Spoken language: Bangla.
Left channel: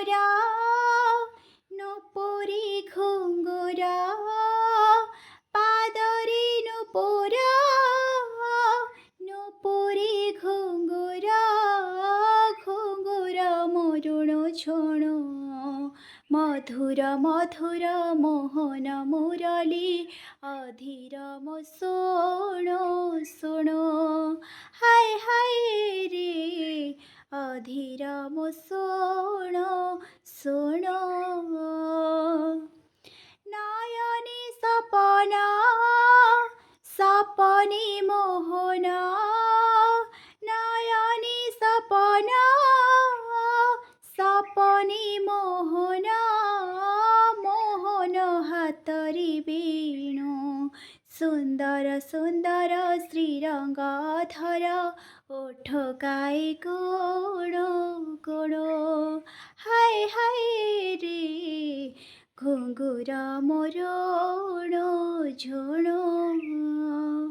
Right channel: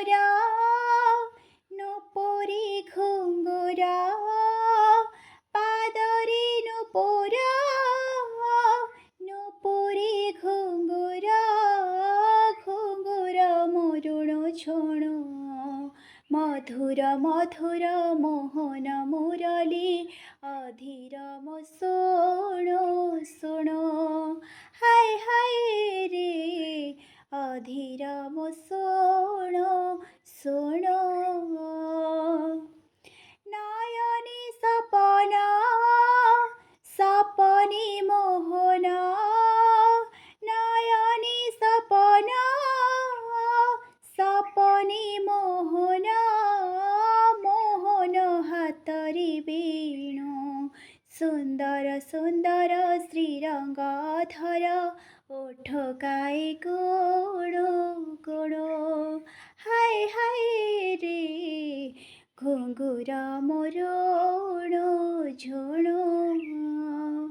ঘুঙ্গুরা নুপুরি ঘুঙ্গুরা পাদরে নুপুরা নুপুরি ঘুঙ্গুরা ঘুঙ্গুরা মরুণ ছোণ মধুর মধুর মোহন মুরলী অধীরম শোণো শোণো হায় হায় রে অধীরম শোণো শোণো নয়নে সপন সপনে মোহন নয়নে সপন সপনে মোহন মোহন হাতরে বেণু সুন্দর সুন্দর শ্রীরঙ্গধর ওঠ গায়ে গোড় গোড় হায় হায় রে ঘুঙ্গুরা মরুণ ঝোণ।